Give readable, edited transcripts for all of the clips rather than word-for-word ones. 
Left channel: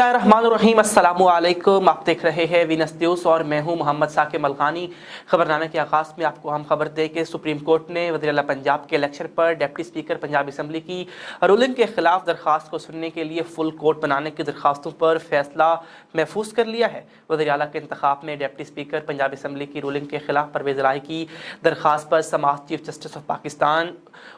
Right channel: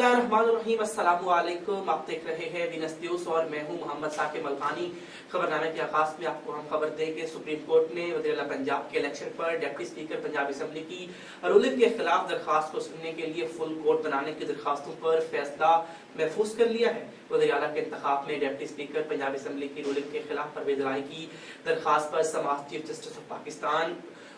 बिस्मिल्लाहिर्रहमानिर्रहीम, अस्सलामु अलैकुम। आप देख रहे हैं वीनस न्यूज़ और मैं हूं मोहम्मद साकिब मलकानी। खबरनामे के आगाज़ में आपको हम खबर दें कि सुप्रीम कोर्ट ने वज़ीर आला पंजाब के इलेक्शन पर डिप्टी स्पीकर पंजाब असम्बली की रूलिंग के खिलाफ दरख्वास्त को सुनने के लिए फुल कोर्ट बनाने की दरख्वास्तों पर फैसला महफूज कर लिया है। वज़ीर आला के इंतखाब में डिप्टी स्पीकर पंजाब असम्बली की रूलिंग के खिलाफ परवेज़ राय की दरख्वास्त पर समाअत chief justice of Pakistan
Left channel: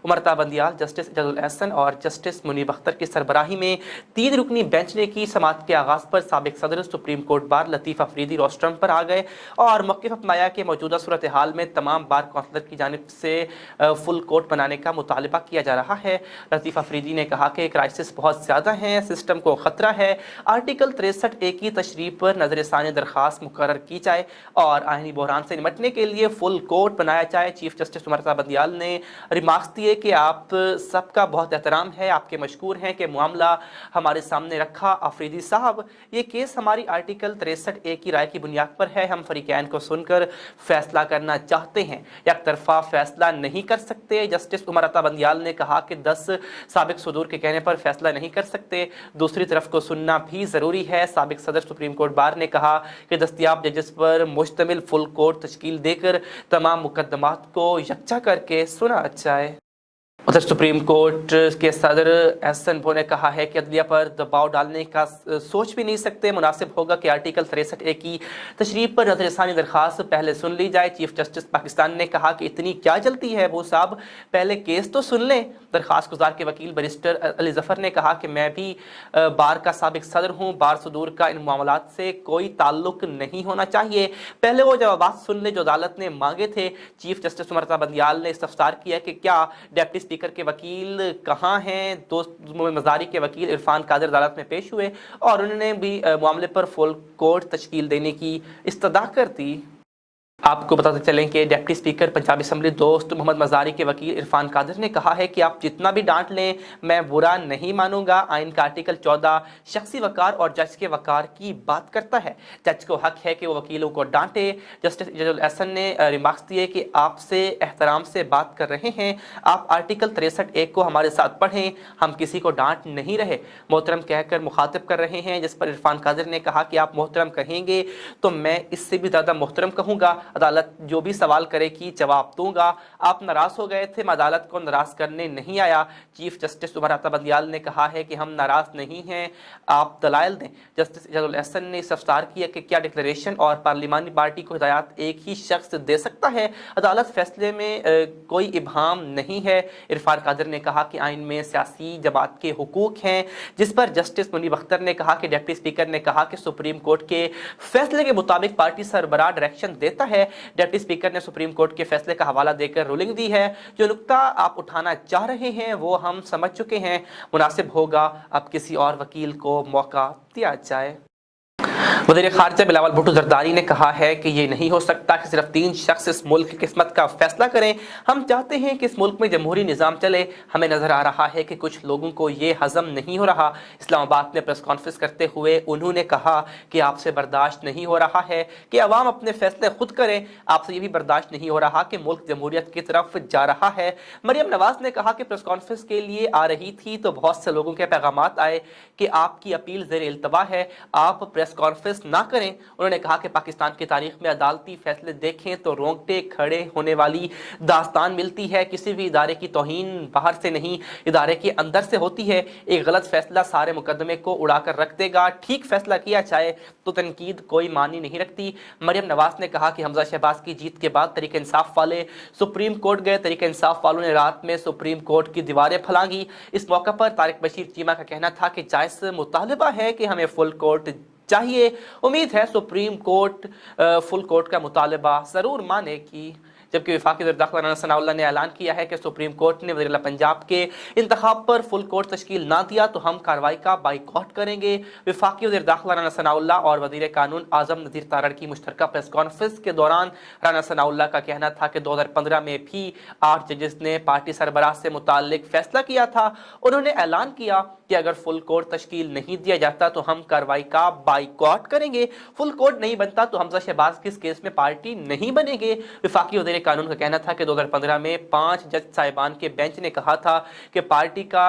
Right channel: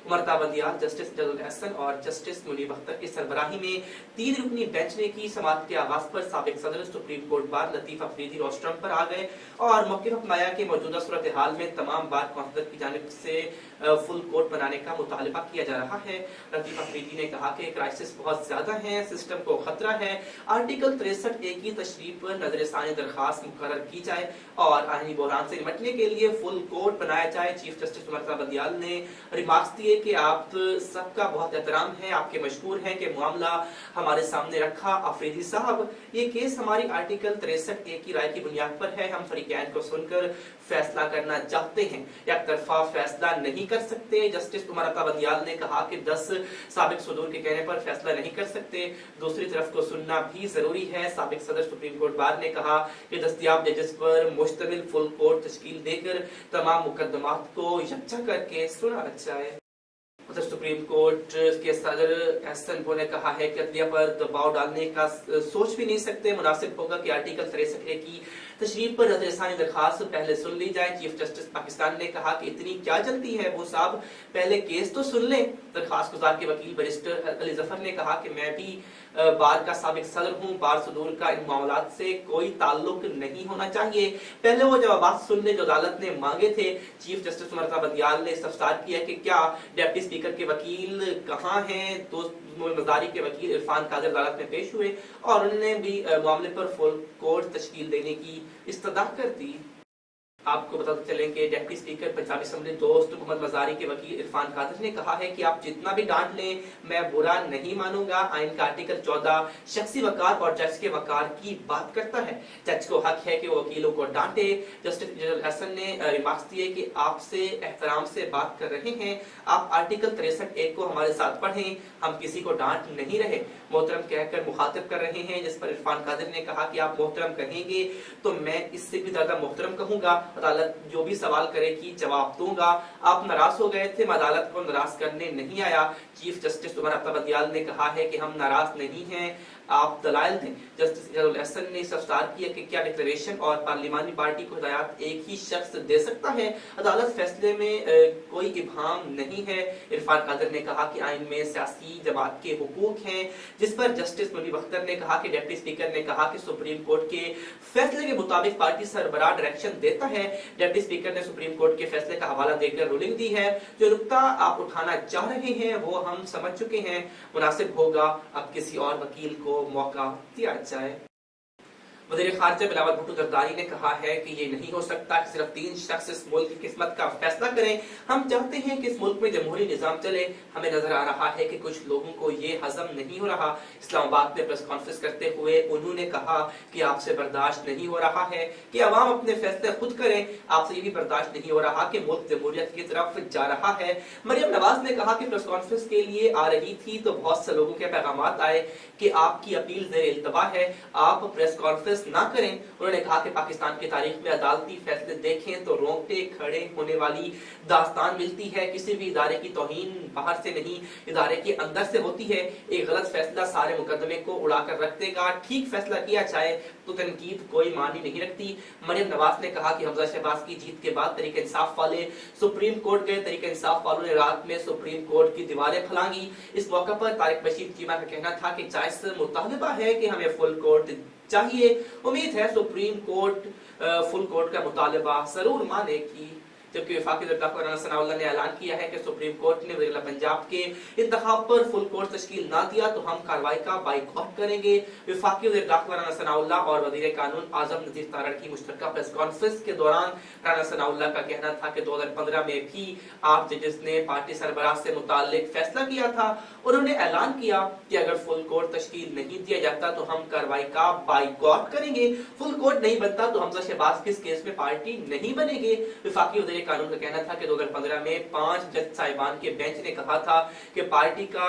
Umar Ata Bandial, justice Ijazul Ahsan और जस्टिस मुनीब अख्तर की सरबराही में 3 रुकनी बेंच ने की समाअत के आगाज़ पर साबिक सदर सुप्रीम कोर्ट बार लतीफ़ अफरीदी रोस्ट्रम पर आ गए और मौक़िफ़ अपनाया कि मौजूदा सूरत हाल में तमाम बार कौंसलर की जानिब से फुल कोर्ट बनाने का मुतालबा किया जा रहा है। लतीफ़ अफरीदी ने कहा कि क्राइसिस बहुत ज़्यादा है, सिस्टम को ख़तरा है। आर्टिकल 63A की तशरीह पर नज़र-ए-सानी दरख्वास्त मुकर्रर की जाए और आईनी बहरान से निपटने के लिए फुल कोर्ट बनाया जाए। चीफ जस्टिस उमरता बंदियाल ने रिमार्क्स दिए कि आप सबका बहुत एहतराम है, आपके मशकूर हैं कि मामला हमारे सामने रखा। अफरीदी साहब, ये केस हमारी आर्टिकल 63A की राय की बुनियाद पर है। हम फरीकैन को सुनकर फैसला करना चाहते हैं, एक तरफा फैसला नहीं कर सकते। जस्टिस उमरता बंदियाल ने कहा कि 10 साबिक सदूर के कहने पर फैसला नहीं कर सकते, दूसरी तरफ को सुनना भी ज़रूरी है। साबिक सदर सुप्रीम कोर्ट बार ने कहा कि दस्तयाब जजेस पर मुश्तमिल फुल कोर्ट तश्कील देकर तमाम मुकदमात को यकजा करके सुना जाए। उधर सुप्रीम कोर्ट के सदर एहसन वो ने कहा है कि अदलिया पर दबाव डालने का सोच भी नहीं सकते। मुनासिब होगा कि आर्टिकल 63A की तशरीह पर नज़र-ए-सानी दरख्वास्त पहले सुन ली जाए। चीफ जस्टिस पाकिस्तान ने कहा कि इतनी क्या जल्दी है वो साहब, पहले केस तो सुन लें। दरख्वास्त गुजार के वकील बैरिस्टर अली जफ़र ने कहा कि मैं भी बार का साबिक सदर हूँ, बार सदूर का इन मामलात से कोई ताल्लुक नहीं होना चाहिए। पहले वो जवाब सुन ले जो अदालत ने मांगे थे। चीफ जस्टिस उमरता बंदियाल ने इस्तफसार किया कि क्या डिप्टी स्पीकर के वकील कहाँ हैं। दोस्त मजारी के वकील इरफान कादिर अदालत में पेश हुए और उन्होंने भी मामले पर फुल कोर्ट तश्कील देने की इस्तदा कर दी। आपको बताते चलें कि डिप्टी स्पीकर पंजाब असम्बली दोस्त मोहम्मद मजारी के वकील इरफान कादिर ने कहा है कि आप जितना भी डांट लें मैं बुरा नहीं मानूंगा। आइन का आर्टिकल 14 शख्सी वकार और जज के वकार की बात करता है। जज को हक है कि वो वकीलों को डांटे। जस्टिस जजुल एहसन ने रिमार्क्स दिए कि आपसे एहतराम से बात कर रहे हैं, आप आर्टिकल 63A को हमारे साथ पढ़ें, हम किसी को डांट नहीं रहे, मोहतरम कहकर मुखातिब कर रहे हैं। जिस पर इरफान कादिर ने कहा कि आप मोहतरम कहेंगे तो मैं इससे भी ज़्यादा मोहतरम कहूँगा। अदालत जो भी सवाल करेगी जवाब दूंगा। आप नाराज हो गए थे, मैं अदालत को नाराज करने नहीं आया। चीफ जस्टिस उमरता बंदियाल ने कहा है कि हम नाराज नहीं हैं, आप दलाइल दें। जस्टिस जजुल एहसन ने इस्तफसार किया कि क्या डिक्लेरेशन और पार्लिमानी पार्टी को हिदायत एक ही शख्स दे सकता है। अदालत फैसले में कोई इबहाम नहीं है। इरफान कादिर ने कहा कि आइन में सियासी जमात के हुकूक हैं, जिस पर जस्टिस मुनीब अख्तर ने कहा कि डिप्टी स्पीकर ने कहा कि सुप्रीम कोर्ट के फैसले के मुताबिक पार्टी सरबराह डायरेक्शन देता है। डिप्टी स्पीकर ने सुप्रीम कोर्ट के फैसले का हवाला देकर रूलिंग दी है। जो नुक्ता आप उठाना चाह रहे हैं वो हम समझ चुके हैं। मुनासिब होगा अब किसी और वकील को मौका दिया जाए। वज़ीर ख़ारिजा बिलावल भुट्टो ज़रदारी ने कहा है कि ये नहीं हो सकता कि सिर्फ 3 शख्स इस मुल्क की किस्मत का फैसला करें। हम चाहते हैं कि इस मुल्क में जमहूरी निज़ाम चले। हमें नज़र आ रहा है कि कुछ लोगों को ये हज़म नहीं हो रहा। इस्लामाबाद में प्रेस कॉन्फ्रेंस करते हुए उन्होंने कहा कि आपसे बर्दाश्त नहीं हो रहा है कि अवाम अपने फैसले खुद करें। आपसे ये भी बर्दाश्त नहीं हो रहा कि मुल्क जमहूरियत की तरफ जा रहा है। मरियम नवाज ने कहा कि प्रेस कॉन्फ्रेंस के लिए आ रही थी तो बहुत से लोगों के पैगामात आए कि आपकी अपील ज़ेर इल्तवा है, आप प्रेस कॉन्फ्रेंस ना करें। उन्होंने कहा कि पाकिस्तान की तारीख में अदालती फैसले देखें तो रोंगटे खड़े होने वाली दास्तान मिलती है। किसी भी इदारे की तौहीन बाहर से नहीं, इदारे के अंदर से होती है। एक गलत फैसला सारे मुकदमे को उड़ाकर रख देगा, ठीक फैसला किया जाए तो तनकीद कोई मानी नहीं रखती। मरियम नवाज ने कहा कि हमजा शहबाज की जीत के बाद तरीके इंसाफ वाले सुप्रीम कोर्ट गए। तरीके इंसाफ वालों ने रात में सुप्रीम कोर्ट की दीवारें फलांगी। इस मौके पर तारिक बशीर चीमा का कहना था कि जायज़ मुतालबा है कि हमें फुल कोर्ट चाहिए। उम्मीद है सुप्रीम कोर्ट फुल कोर्ट का मुतालबा जरूर मानेगी। जबकि वफाकी वज़ीर दाखिला राना सनाउल्लाह ने ऐलान किया है कि सुप्रीम कोर्ट ने वज़ीर आला पंजाब के इंतखाब पर फुल कोर्ट तश्कील ना दिया तो हम कार्रवाई का बाइकॉट करेंगे। वफाकी वज़ीर दाखिला राना सनाउल्लाह और वज़ीर कानून आज़म नज़ीर तारड़ की मुश्तरका प्रेस कॉन्फ्रेंस के दौरान राना सनाउल्लाह का कहना था कि 2015 में भी 8 जजेस ने पार्टी सरबराह से मुताल्लिक फैसला किया था। उन्होंने ऐलान किया कि अगर फुल कोर्ट तश्कील नहीं दिया जाता तो हम कार्रवाई का बाइकॉट करेंगे, फुल कोर्ट नहीं बनता तो हमजा शहबाज किस केस में पार्टी नहीं बनेंगे। वफाकी वज़ीर कानून का कहना था कि 2015 में 5 जज साहिबान के बेंच ने कहा था कि पार्टी का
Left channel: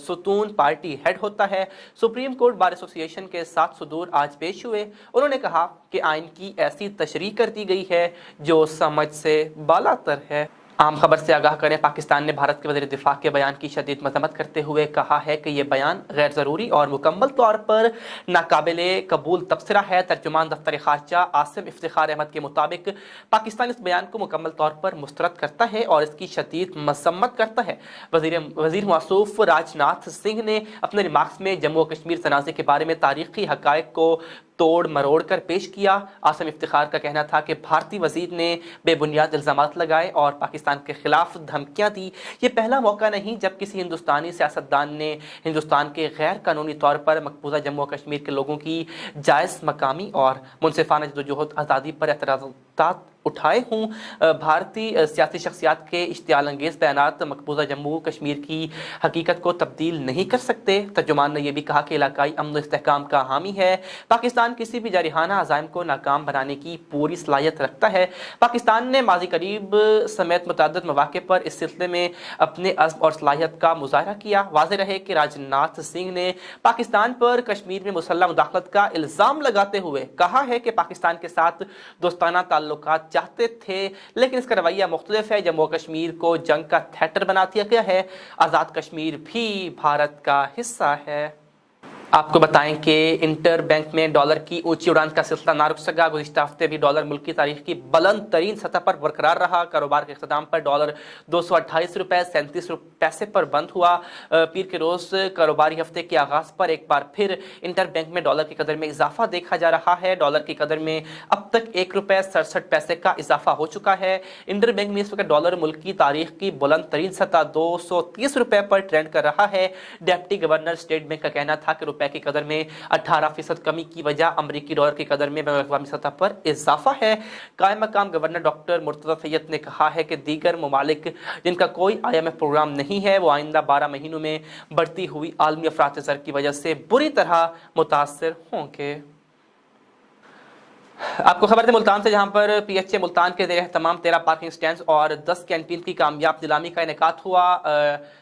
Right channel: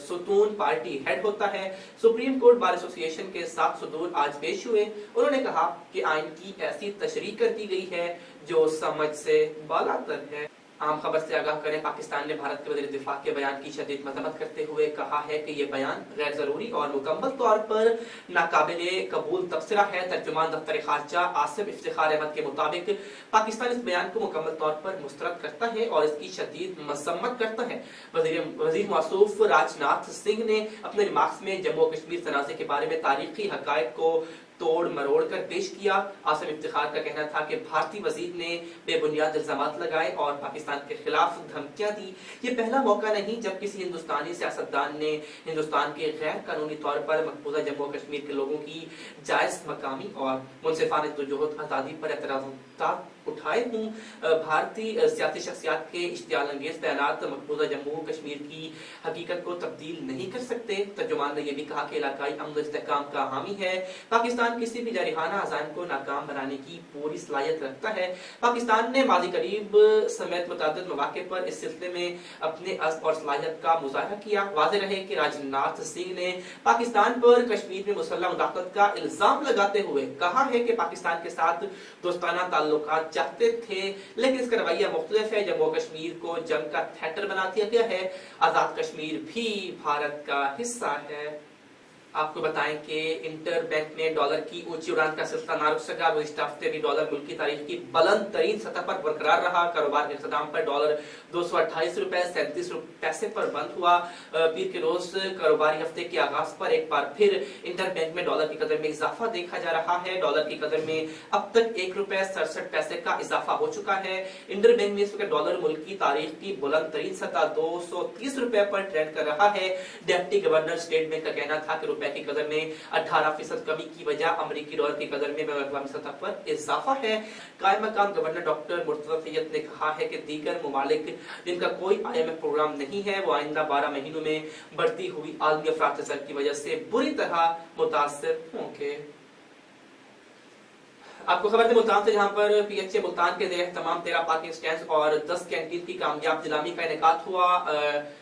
सुतून पार्टी हेड होता है। सुप्रीम कोर्ट बार एसोसिएशन के 7 सुदूर आज पेश हुए। उन्होंने कहा कि आइन की ऐसी तशरीह कर दी गई है जो समझ से बालातर है। आम खबर से आगाह करें, पाकिस्तान ने भारत के वज़ीर दिफा के बयान की शदीद मज़म्मत करते हुए कहा है कि यह बयान गैर ज़रूरी और मुकम्मल तौर पर नाकाबिले कबूल तबसरा है। तर्जुमान दफ्तर खारजा आसिम इफ्तिखार अहमद के मुताबिक पाकिस्तान इस बयान को मुकम्मल तौर पर मुस्तरद करता है और इसकी शदीद मज़म्मत करता है। वज़ीर मौसूफ राजनाथ सिंह ने अपने रिमार्क्स में जम्मू और कश्मीर तनाज़े के बारे में तारीखी हक़ाइक़ को तोड़ मरोड़ कर पेश किया। आसिम इफ्तिखार का कहना था कि भारतीय वज़ीर ने बेबुनियाद इल्ज़ामात लगाए और पाकिस्तान के खिलाफ धमकियां दी। ये पहला मौका नहीं जब किसी हिंदुस्तानी सियासतदान ने हिंदुस्तान के गैर कानूनी तौर पर मकबूजा जम्मू और कश्मीर के लोगों की जायज़ मकामी और मुनसिफाना जदोजहद आज़ादी पर एतराज़ात उठाए हों। भारतीय सियासी शख्सियात के इश्तियाल अंगेज़ बयानात मकबूजा जम्मू कश्मीर की हकीकत को तब्दील नहीं कर सकते। तर्जुमान ने यह भी कहा कि इलाकाई अमन व इस्तेहकाम का हामी है। पाकिस्तान किसी भी जारिहाना अज़ाइम को नाकाम बनाने की पूरी सलाहियत रखता है। पाकिस्तान ने माज़ी करीब समेत मुतअद्दिद मौक़े पर इस सिलसिले में अपने अज़्म और सलाहियत का मुज़ाहरा किया। वाज़ेह रहे कि राजनाथ सिंह ने पाकिस्तान पर कश्मीर में मुसल्लह मुदाखलत का इल्ज़ाम लगाते हुए कहा है कि पाकिस्तान के साथ दोस्ताना ताल्लुकात चाहते थे, लेकिन इसका रवैया मुख्तलिफ है। जम्मू कश्मीर को जंग का थिएटर बना दिया गया है। आज़ाद कश्मीर भी भारत का हिस्सा है। आपको बताएं कि इंटर बैंक में डॉलर की ऊंची उड़ान का सिलसिला ना रुक सका। गुज़िश्ता हफ्ते भी डॉलर मुल्क की तारीख की बुलंद तरीन सतह पर बरकरार रहा। कारोबार के इख्तिताम पर डॉलर 228 रुपये 37 पैसे पर बंद हुआ। पीर के रोज कारोबारी हफ्ते के आगाज पर एक बार फिर इंटर बैंक में डॉलर की कदर में इजाफा देखा जा रहा है। डॉलर की कदर में अब तक 1 रुपये 67 पैसे का इजाफा हो चुका है। इंटर बैंक में इस वक्त डॉलर मुल्क की तारीख की बुलंद तरीन सतह 230 रुपये पर ट्रेंड कर रहा है। डिप्टी गवर्नर स्टेट बैंक का कहना था कि रुपए की कदर में 18% कमी की वजह अमरीकी डॉलर की कदर में बैनुल-अक़वामी सतह पर इजाफा है। कायम मकाम गवर्नर डॉक्टर मुर्तज़ा सैयद ने कहा है कि दीगर ममालिक जिनका कोई IMF प्रोग्राम नहीं है वो आइंदा 12 महीनों में बढ़ती हुई आलमी अफरात ज़र की वजह से बुरी तरह मुतासर होंगे। आपको खबर है मुल्तान से, जहां पर PHA मुल्तान के तमाम 13 पार्किंग स्टैंड और 10 कैंटीन की कामयाब नीलामी का इनेकाद हुआ।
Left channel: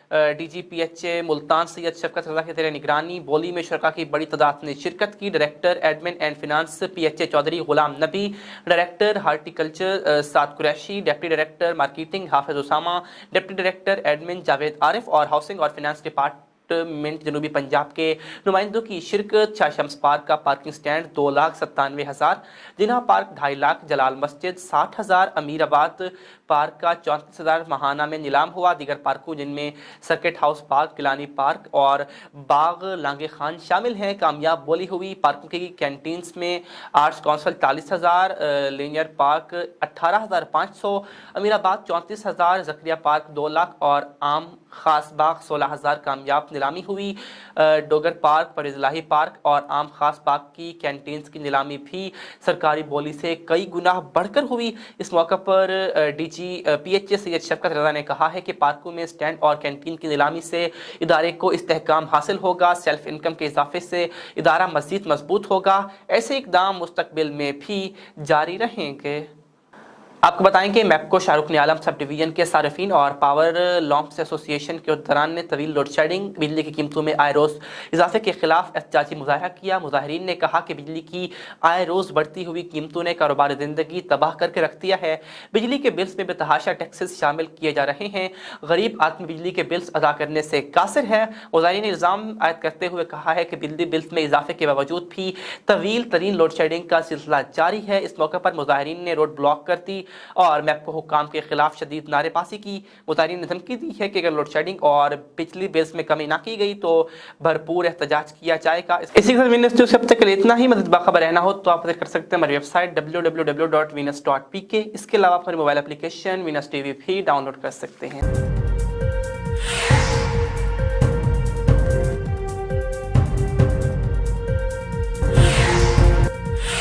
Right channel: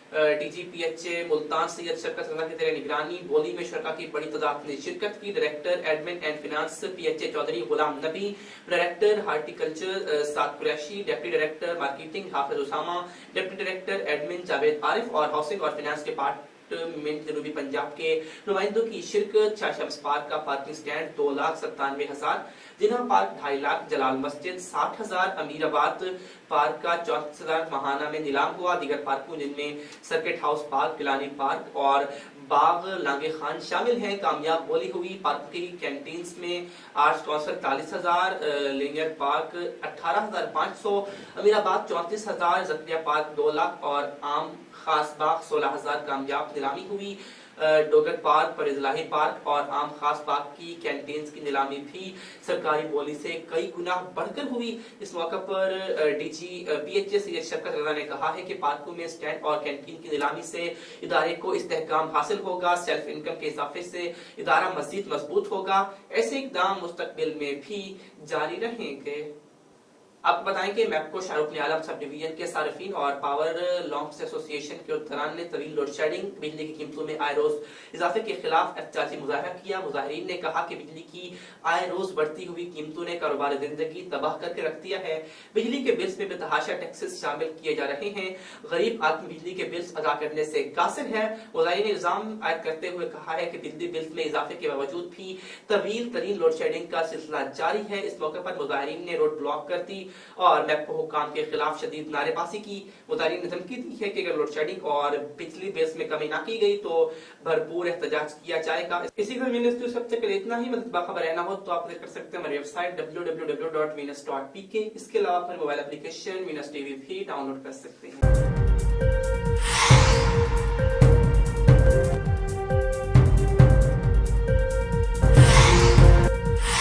DG PHA मुल्तान सैयद शरकत रज़ा के ज़ेर निगरानी बोली में शुरका की बड़ी तादाद ने शिरकत की। Director admin and finance PHA Chaudhry Ghulam Nabi, director horticulture Saad Qureshi, deputy director marketing Hafiz Usama, deputy director admin Javed Arif और हाउसिंग और फिनांस डिपार्टमेंट जनूबी पंजाब के नुमाइंदों की शिरकत। शाह शम्स पार्क का पार्किंग स्टैंड 2,97,000, जिन्हा पार्क 2.5 लाख, जलाल मस्जिद 60,000, अमीराबाद पार्क का 34,000 महाना में नीलाम हुआ। दीगर पार्कों जिनमें सर्किट हाउस पार्क, किलानी पार्क और बाग लांगे खान शामिल हैं, कामयाब बोली हुई। पार्कों की कैंटीन्स में arts council 40,000, linear park 18,500, Amirabad 34,000, जकरिया पार्क 2 लाख और आम खास बाग 16,000 कामयाब नीलामी हुई। डोगर पार्क, परिजलाही पार्क और आम खास बाग की कैंटीन्स की नीलामी भी सरकारी बोली से कई गुना बढ़कर हुई। इस मौके पर DG PHA सैयद शरकत रज़ा ने कहा है कि पार्कों में स्टैंड और कैंटीन की नीलामी से इदारे को इस्तेहकाम हासिल होगा, सेल्फ इनकम के इजाफे से इदारा मज़ीद मजबूत होगा। ऐसे इकदाम मुस्तकबिल में भी जारी रहेंगे। आपको बताएं कि मैपको शाहरुख ने आलम सब डिवीजन के सार्फिन और पावर लॉम्प्स एसोसिएशन के दौरान ने तवील लोड शेडिंग, बिजली की कीमतों में आए रोज़ इजाफे के खिलाफ एहतजाजी मुजाहरा किया। मुजाहरीन ने कहा कि बिजली की आए रोज़ बढ़ती हुई कीमतों ने कारोबार ज़िंदगी तबाह करके रख दिया है। बिजली के बिल्स में बेतहाशा टैक्सेस शामिल किए जा रहे हैं। गरीब आदमी बिजली के बिल्स अदा करने से कासिर है। मुजाहरीन ने इल्ज़ाम आयद करते हुए कहा है कि बिजली बिल्स में इजाफे के बावजूद भी तवील तरीन लोड शेडिंग का सिलसिला जारी है। इस मौके पर मुजाहरीन ने रोड ब्लॉक कर दी और मैपको हुक्काम के खिलाफ शदीद नारेबाजी की। मुतारिन ने धमकी दी है कि अगर लोड शेडिंग और बिजली बिल्स में कमी ना की गई तो भरपूर एहतजाज किया जाएगा। इसी के साथ अब तक इतना ही। मज़ीद बाखबर रहना हो तो आप कर सकते हैं हमारी वेबसाइट www.venus.pk। इसके अलावा हमारी मोबाइल एप्लीकेशन Venus TV भी डाउनलोड कर सकते हैं।